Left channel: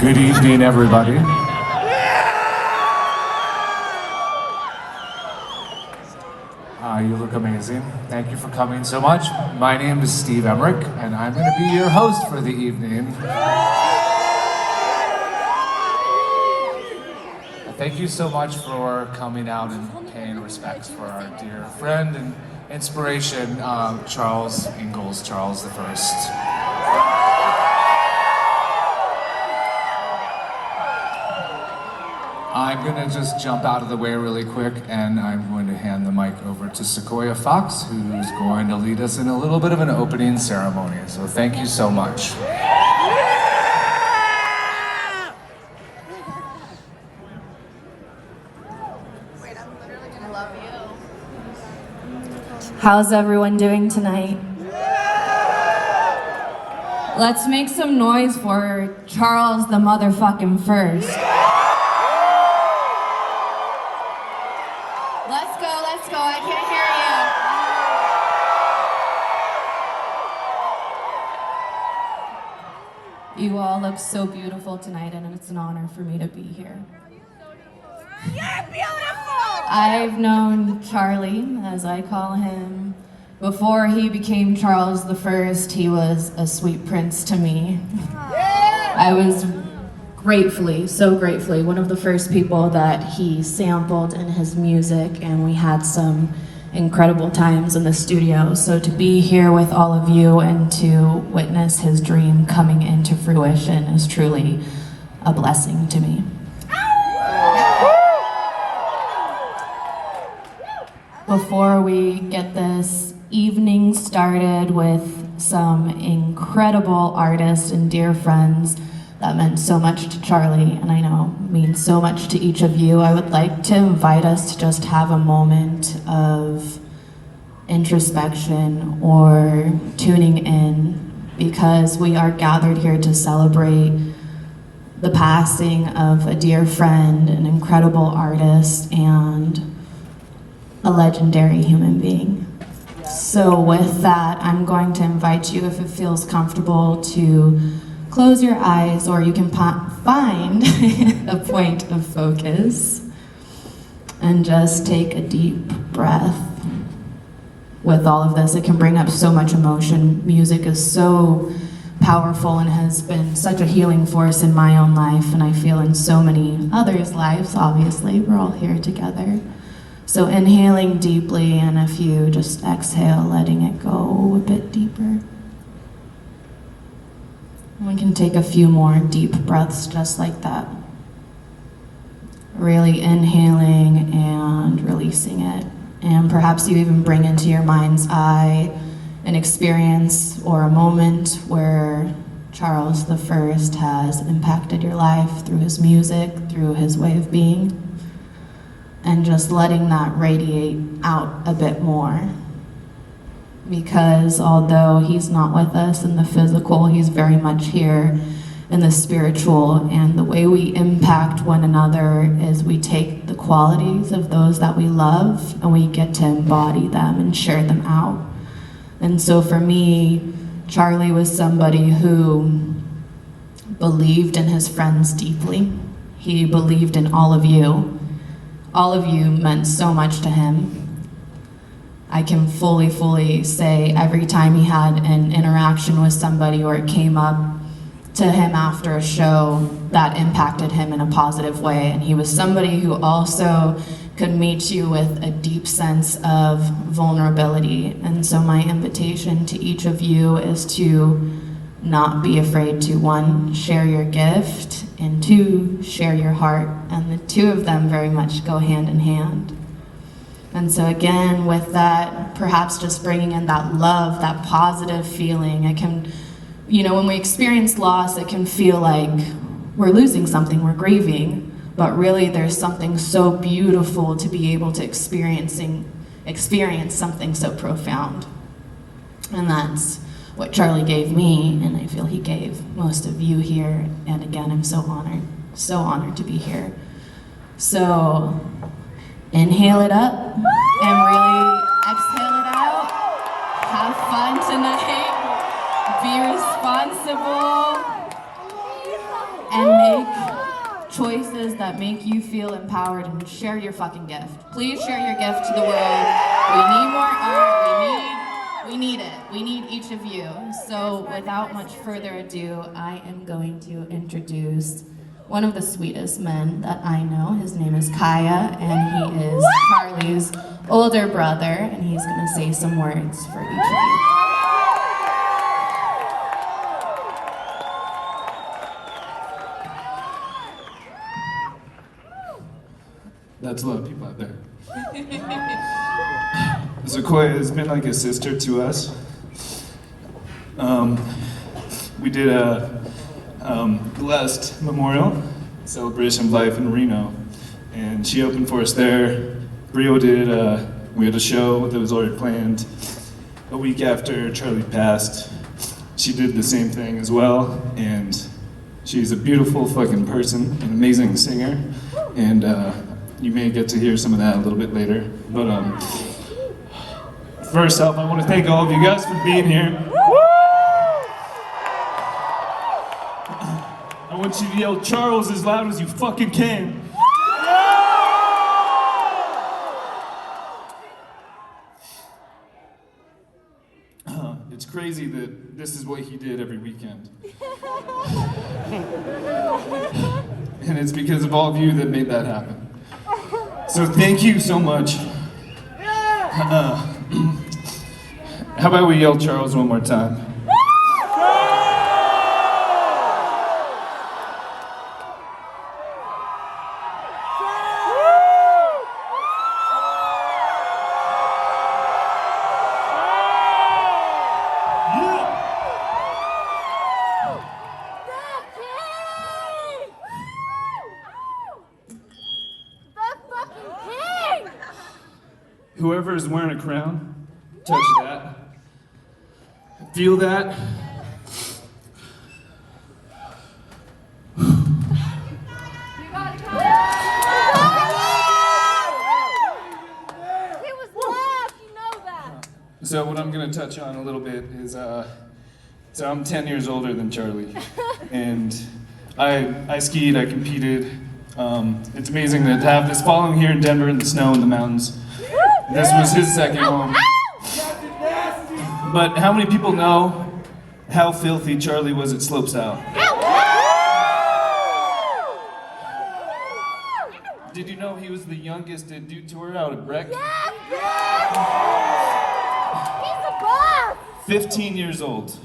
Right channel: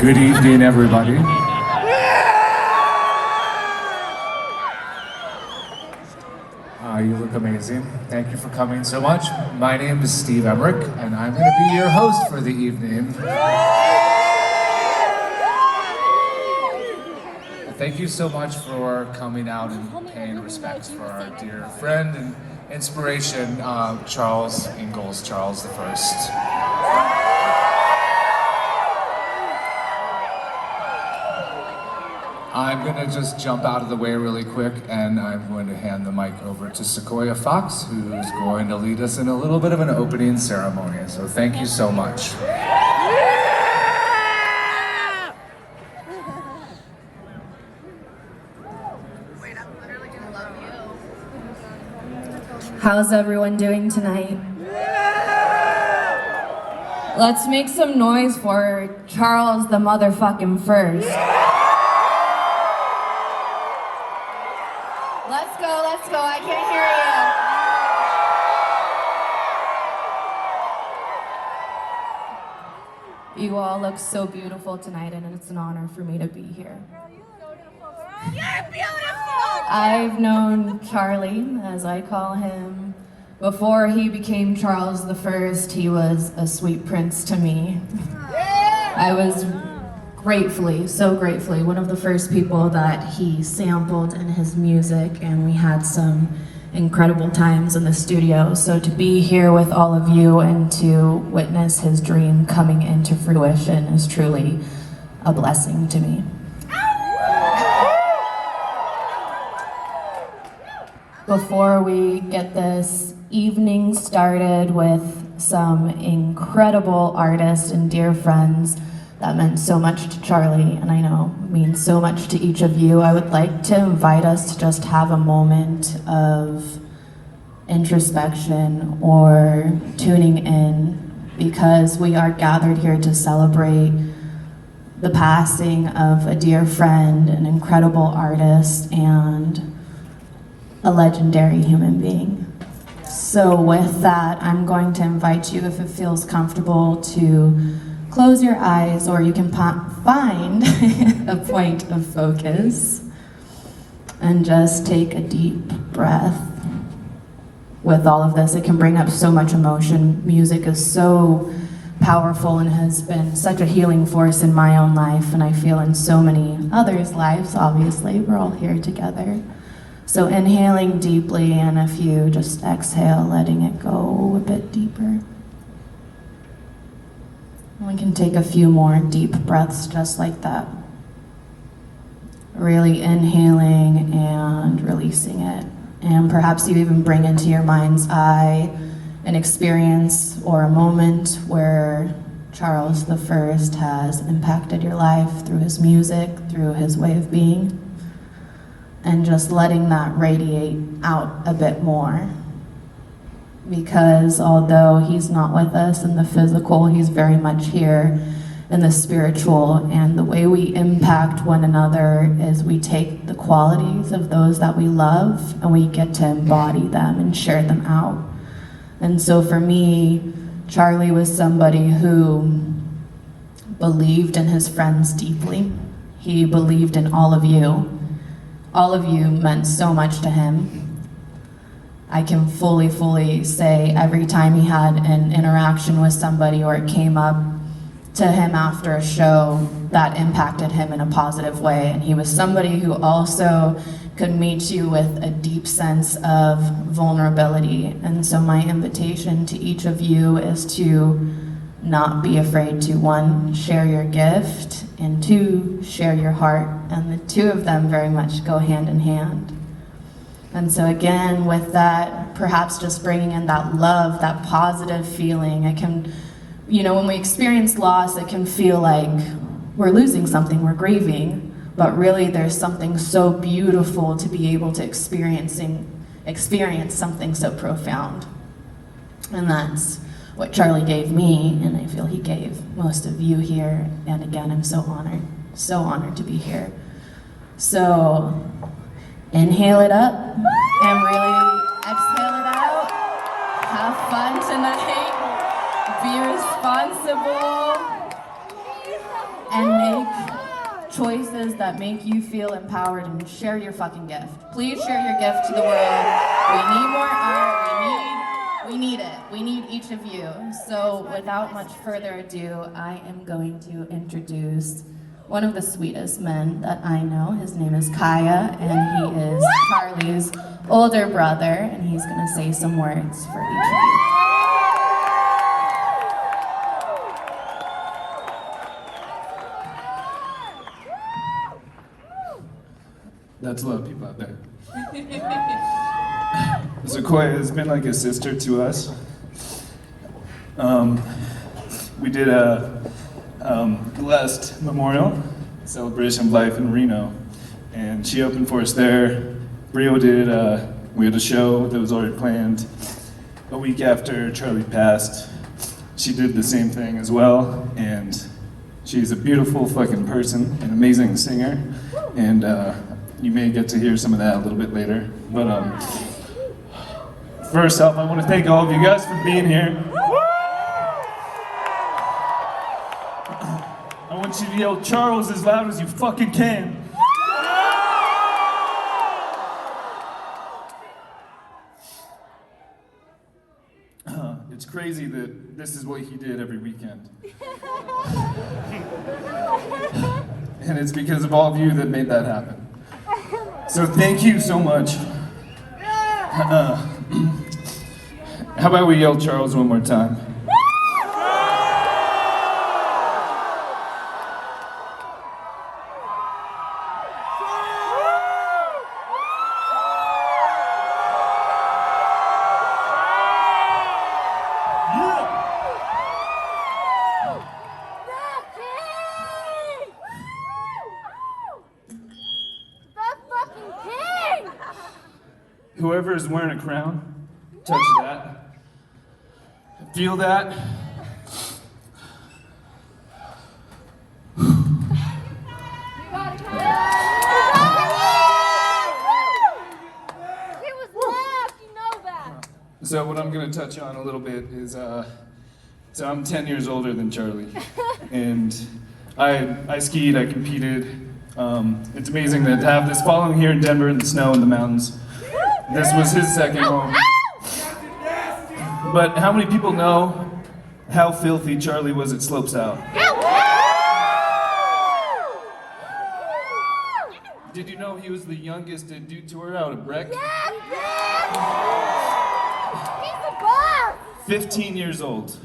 Good evening, everybody. You look amazing. Thank you for coming so much. My name is Steve Emmerich, and I'm going to be your host for the evening. Thank you so much for coming out and paying respects for our dear friend and inspiration, Charles Ingalls, CharlestheFirst. I'm going to just jump out of the way really quick, and I'm going to hand the mic over to Sequoia Fox, who's going to lead us in a little bit of an opening ceremony. So thank you so much. How's everyone doing tonight? Let's make some noise for Charles the motherfucking First. Let's go, I can't hear you. You all look so beautiful tonight, and it's an honor for me to be here. I've known Charlie, as I call him, before he became Charles the First. He was a sweet prince to me. I was so gratefully, one of the first people that he sampled in his music, and we had some incredible times in the studio. So to be here with all of you and to witness his dream coming into fruition is truly a blessing to me. Before we get this evening started with some incredible artists and dear friends that meant so much to Charlie, and I know means so much to each of you, I would like to invite us to just have a moment of introspection or tuning in, because we are gathered here to celebrate the passing of a dear friend, an incredible artist, and a legendary human being. So with that, I'm going to invite you, if it feels comfortable, to close your eyes, or you can find a point of focus and just take a deep breath. With all of this, it can bring up so much emotion. Music is so powerful and has been such a healing force in my own life, and I feel in so many others' lives, obviously. We're all here together. So inhaling deeply, and if you just exhale, letting it go a bit deeper. We can take a few more deep breaths just like that. Really inhaling and releasing it. And perhaps you even bring into your mind's eye an experience or a moment where Charles the First has impacted your life through his music, through his way of being, and just letting that radiate out a bit more. Because although he's not with us in the physical, he's very much here in the spiritual, and the way we impact one another is we take the qualities of those that we love and we get to embody them and share them out. And so for me, Charlie was somebody who believed in his friends deeply. He believed in all of you. All of you meant so much to him. I can fully say every time he had an interaction with somebody or it came up to him after a show, that impacted him in a positive way. And he was somebody who also could meet you with a deep sense of vulnerability. And so my invitation to each of you is to not be afraid to, one, share your gift, and two, share your heart. And the two of them very much go hand in hand. And so again, with that, perhaps just bringing in that love, that positive feeling. It can, when we experience loss, it can feel like we're losing something, we're grieving, but really there's something so beautiful to be able to experience something so profound. And that's what Charlie gave me, and I feel he gave most of you here. And again, I'm so honored to be here. So inhale it up and really exhale it out. Have fun tonight. Be responsible. And may choices that make you feel empowered and share your fucking gift. Please share your gift to the world. We need more art. We need it. We need each of you. So without much further ado, I am going to introduce one of the sweetest men that I know. His name is Kaya, and he is Charlie's older brother, and he's gonna say some words for each of you. That's a lot of people out there. Sequoia has been like a sister to us. We did a last memorial celebration of life in Reno, and she opened for us there. Brío did, we had a show that was already planned a week after Charlie passed. She did the same thing as well, and she's a beautiful fucking person, an amazing singer, and you may get to hear some of that a little bit later. But first off, I want to thank all of you guys for being here. I want you to yell Charles as loud as you fucking can. It's crazy that this is what he did every weekend. And it's because of all of you that made that happen. So thank you so much. How about we yell Charles one more time? Whoever is wearing a crown, touch that. Feel that. So what I'm going to touch on a little bit is, so I'm 10 years older than Charlie, and I skied, I competed. It's amazing to have this following here in Denver in the snow and the mountains. This was his second home. But how many people know how filthy Charlie was at slopestyle? Did you know he was the youngest to do tour out of Breck? 15 years old.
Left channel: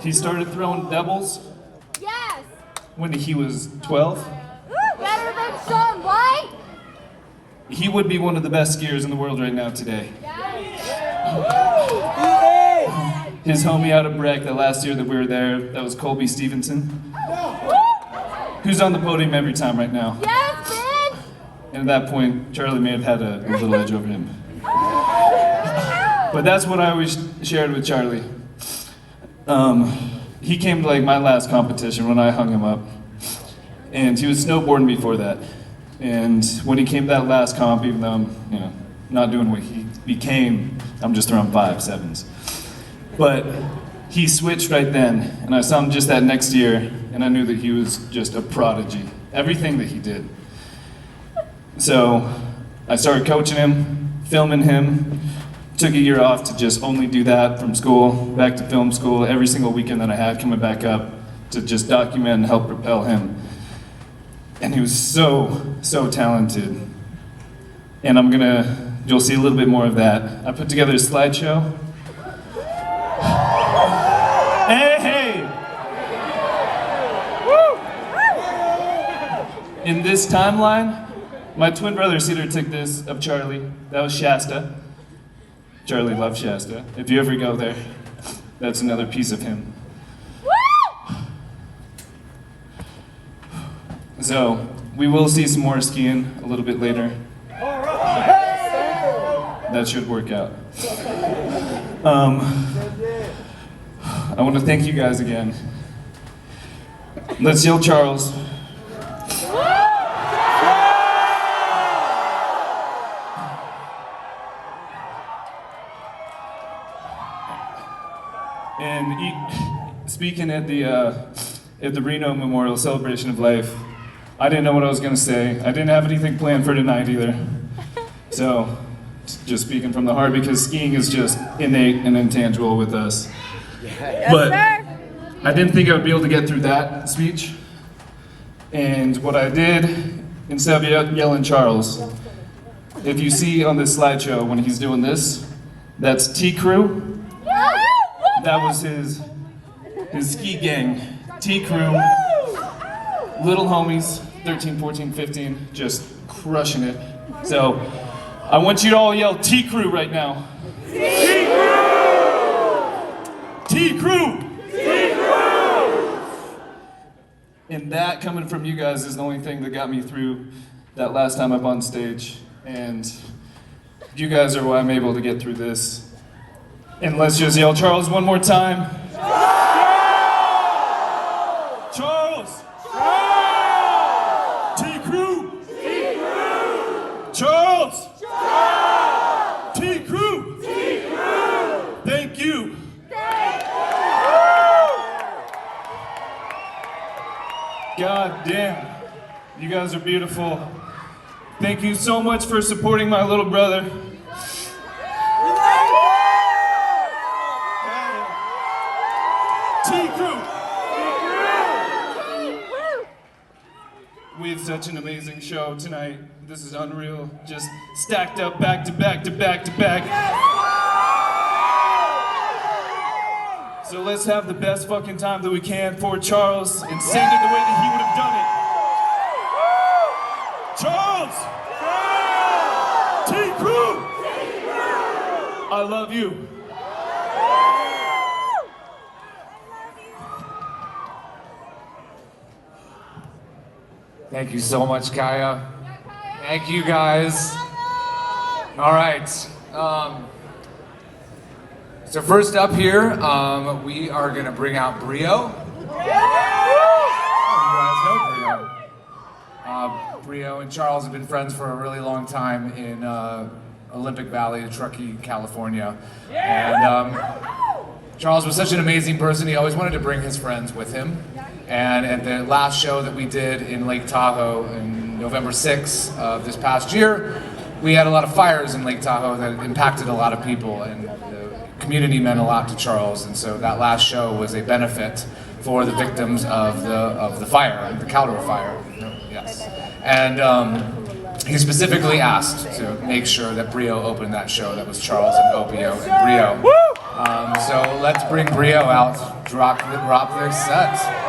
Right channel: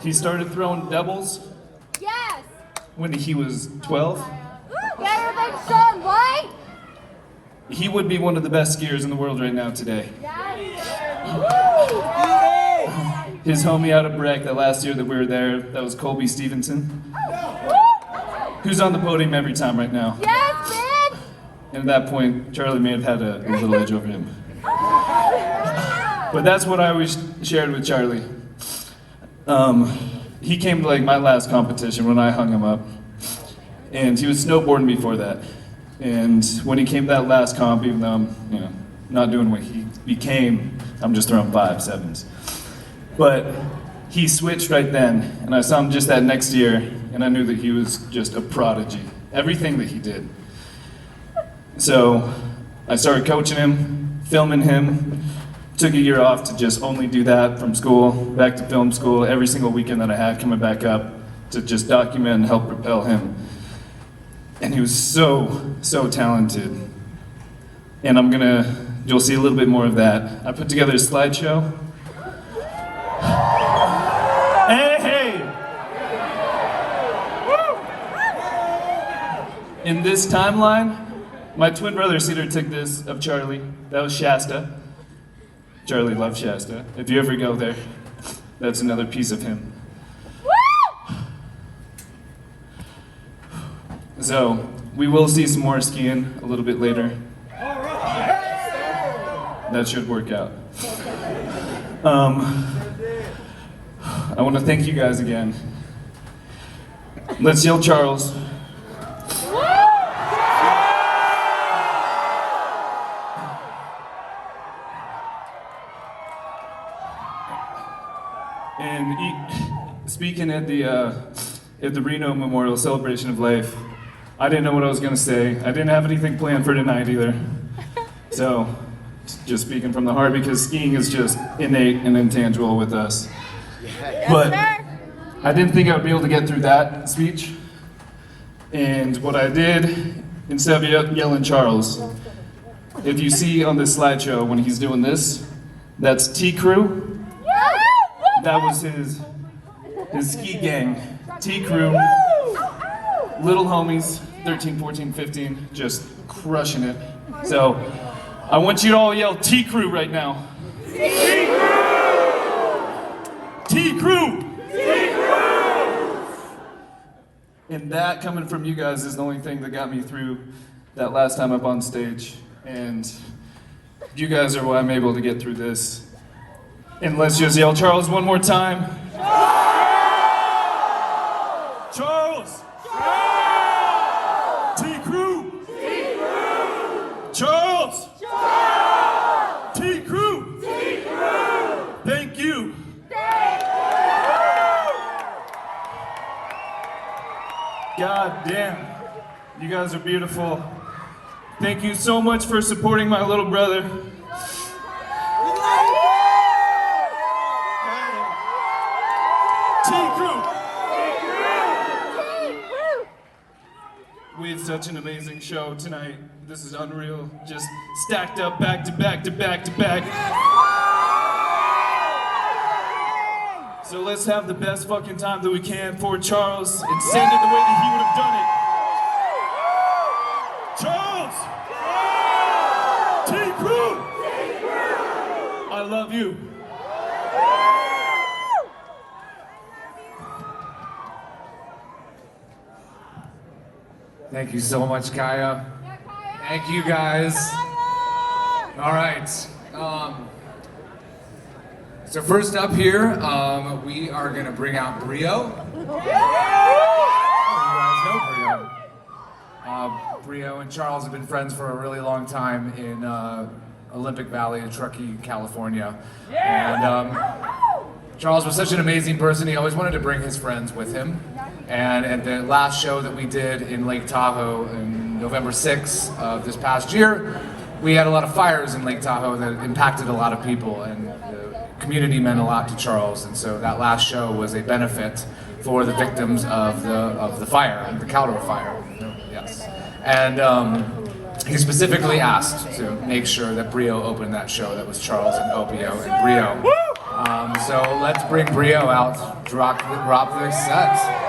He started throwing doubles when he was 12. He would be one of the best skiers in the world right now today. His homie out of Breck, the last year that we were there, that was Colby Stevenson, who's on the podium every time right now. And at that point, Charlie may have had a little edge over him. But that's what I always shared with Charlie. He came to like my last competition when I hung him up, and he was snowboarding before that. And when he came to that last comp, even though I'm not doing what he became, I'm just throwing 5.7s. But he switched right then, and I saw him just that next year, and I knew that he was just a prodigy. Everything that he did. So I started coaching him, filming him, took a year off to just only do that from school, back to film school, every single weekend that I had coming back up to just document and help propel him. And he was so talented. And you'll see a little bit more of that. I put together a slideshow. Hey! In this timeline, my twin brother Cedar took this of Charlie. That was Shasta. Charlie loved Shasta. If you ever go there, that's another piece of him. So, we will see some more skiing a little bit later. That should work out. I want to thank you guys again. Let's yell Charles. And speaking at the at the Reno Memorial Celebration of Life. I didn't know what I was going to say. I didn't have anything planned for tonight either. So, just speaking from the heart, because skiing is just innate and intangible with us. But I didn't think I would be able to get through that speech. And what I did, instead of yelling Charles, if you see on this slideshow when he's doing this, that's T-Crew. That was his ski gang. T-Crew, little homies, 13, 14, 15, just crushing it. So, I want you to all yell T-Crew right now. T-Crew! T-Crew! T-Crew! And that coming from you guys is the only thing that got me through that last time up on stage. And you guys are why I'm able to get through this. And let's just yell Charles one more time. Charles! T-Crew! Charles! T-Crew! Thank you! God damn, you guys are beautiful. Thank you so much for supporting my little brother. T-Crew! We have such an amazing show tonight. This is unreal. Just stacked up back to back to back to back. So let's have the best fucking time that we can for Charles and send it the way that he would have done it. Charles! T-Crew! I love you. Thank you so much, Kaya. Thank you, guys. All right. So first up here, we are gonna bring out Brío. Oh, you guys know Brío. Brío and Charles have been friends for a really long time in Olympic Valley, Truckee, California. And Charles was such an amazing person, he always wanted to bring his friends with him. And at the last show that we did in Lake Tahoe on November 6th of this past year, we had a lot of fires in Lake Tahoe that impacted a lot of people, and the community meant a lot to Charles. And so that last show was a benefit for the victims of the fire, the Caldor fire. Yes. And he specifically asked to make sure that Brío opened that show. That was Charles and Opio and Brío. So let's bring Brío out, drop the set.